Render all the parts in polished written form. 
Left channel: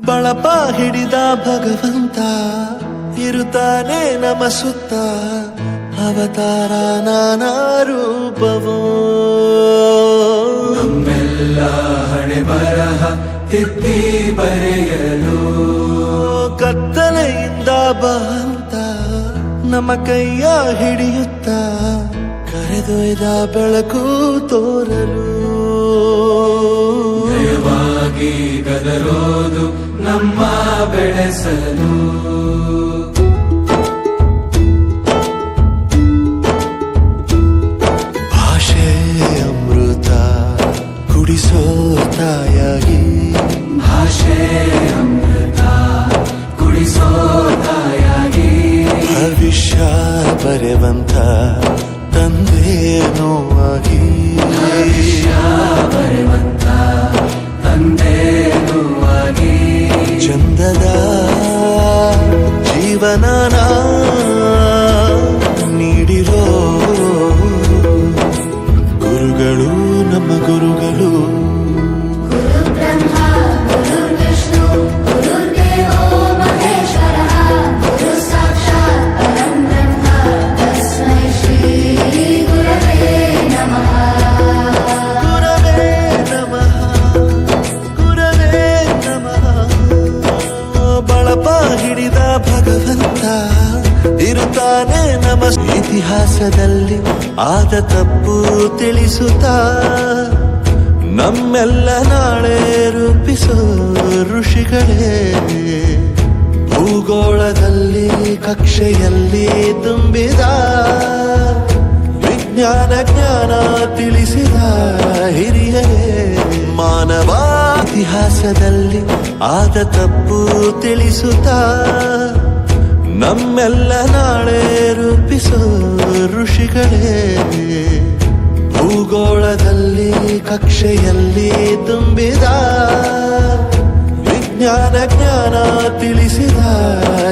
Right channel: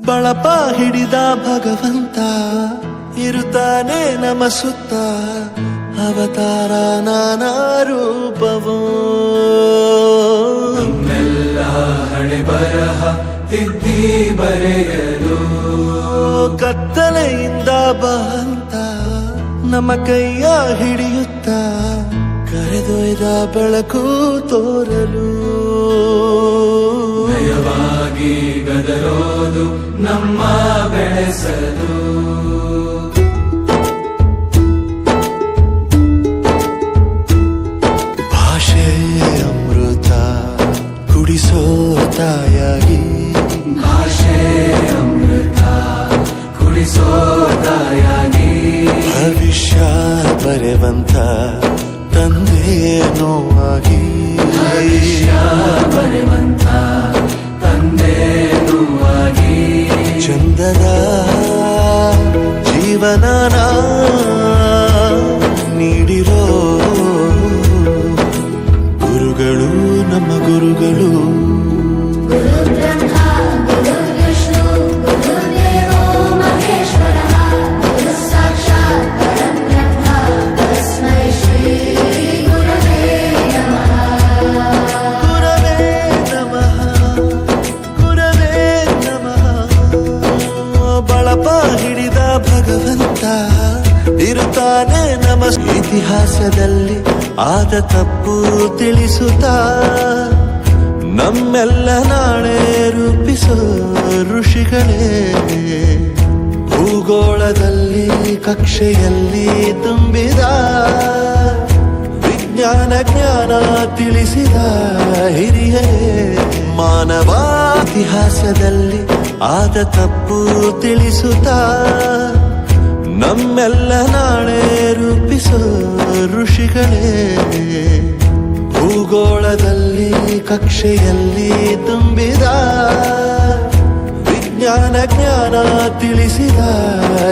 ಬಳಪ ಹಿಡಿದ ಭಗವಂತ ಇರುತ್ತಾನೆ ನಮ ಸುತ್ತ ಅವತಾರ ನಾನಾ ರೂಪವೋ ಹಣೆ ಬರಹ ತಿದ್ದಿ ಬರೆಯಲು ಕತ್ತಲೆಯಿಂದ ಬಂತ ನಮ್ಮ ಕೈಯ ಹಿಡಿಯುತ್ತ ಕರೆದೊಯ್ದ ಬೆಳಕು ತೋರಲು ದಯವಾಗಿ ಗದರೋದು ನಮ್ಮ ಬೆಳೆಸಲು ಭಾಷೆ ಅಮೃತ ಕುಡಿಸೋ ತಾಯಾಗಿ ಭಾಷೆ ಅಮೃತ ಕುಡಿಸೋ ತಾಯಾಗಿ ಭವಿಷ್ಯ ಬರೆವಂತ ತಂದೇನೋ ಆಗಿ ಬರೆವಂತ ತಂದೇನೂ ಆಗಿ ಚಂದದ ಜೀವನನ ನೀಡಿರೋ ಗುರುಗಳು ನಮ್ಮ ಗುರುಗಳು ಬಳಪ ಹಿಡಿದ ಭಗವಂತ ಇರುತ್ತಾನೆ ನಮ ಇತಿಹಾಸದಲ್ಲಿ ಆದ ತಪ್ಪು ತಿಳಿಸುತ್ತಾ ನಮ್ಮೆಲ್ಲ ನಾಳೆ ರೂಪಿಸೋ ಋಷಿಗಳೇ ಭೂಗೋಳದಲ್ಲಿ ಕಕ್ಷೆಯಲ್ಲಿ ತುಂಬಿದ ವಿಜ್ಞಾನ ಜ್ಞಾನ ತಿಳಿಸಿದ ಹಿರಿಯರೇ ಮಾನವ ಇತಿಹಾಸದಲ್ಲಿ ಆದ ತಪ್ಪು ತಿಳಿಸುತ್ತಾ ನಮ್ಮೆಲ್ಲ ನಾಳೆ ರೂಪಿಸೋ ಋಷಿಗಳೇ ಭೂಗೋಳದಲ್ಲಿ ಕಕ್ಷೆಯಲ್ಲಿ ತುಂಬಿದ ವಿಜ್ಞಾನ ಜ್ಞಾನ ತಿಳಿಸಿದ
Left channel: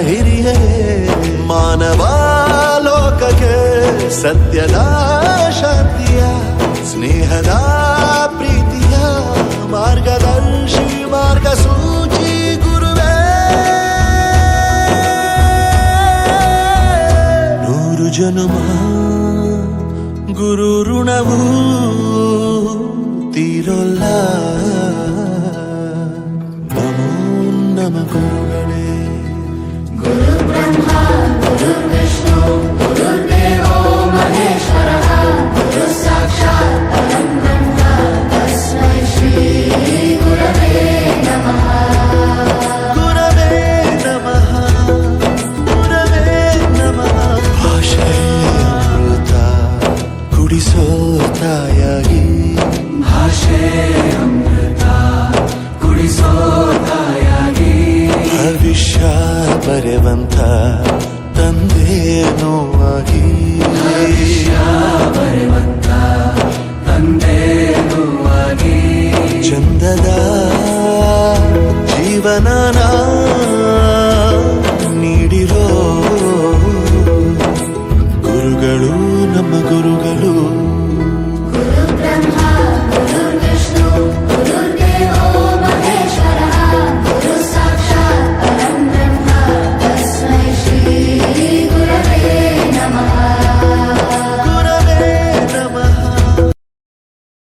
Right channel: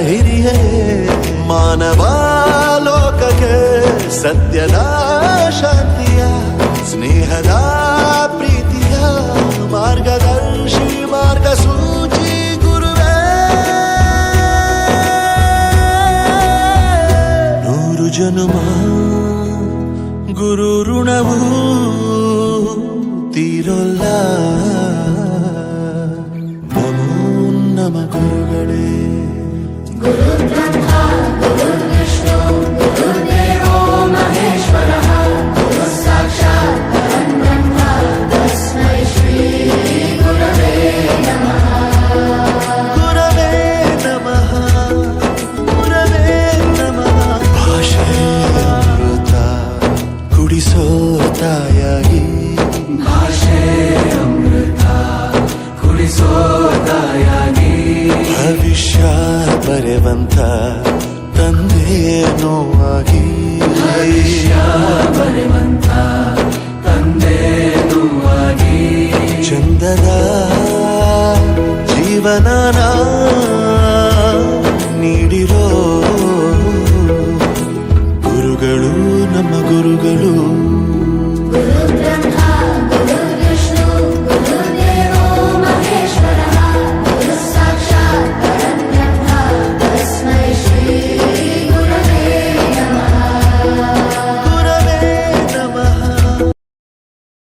ಹಿರಿಯರೇ ಮಾನವ ಲೋಕಕ್ಕೆ ಸತ್ಯದ ಶಾಂತಿಯ ಸ್ನೇಹದ ಪ್ರೀತಿಯ ಮಾರ್ಗದರ್ಶಿ ಮಾರ್ಗಸೂಚಿ ಗುರುವೇ ನೂರು ಜನುಮ ಗುರು ಋಣವು ತೀರೋಲ್ಲ ನಮೋ ನಮ ಗುರುಗಳೇ ಕುಡಿಸೋ ತಾಯಾಗಿ ಭಾಷೆ ಅಮೃತ ಕುಡಿಸೋ ತಾಯಾಗಿ ಭವಿಷ್ಯ ಬರೆವಂತ ತಂದೇನೋ ಆಗಿ ಬರೆವಂತ ತಂದೇನೂ ಆಗಿ ಚಂದದ ಜೀವನನ ನೀಡಿರೋ ಗುರುಗಳು ನಮ್ಮ ಗುರುಗಳು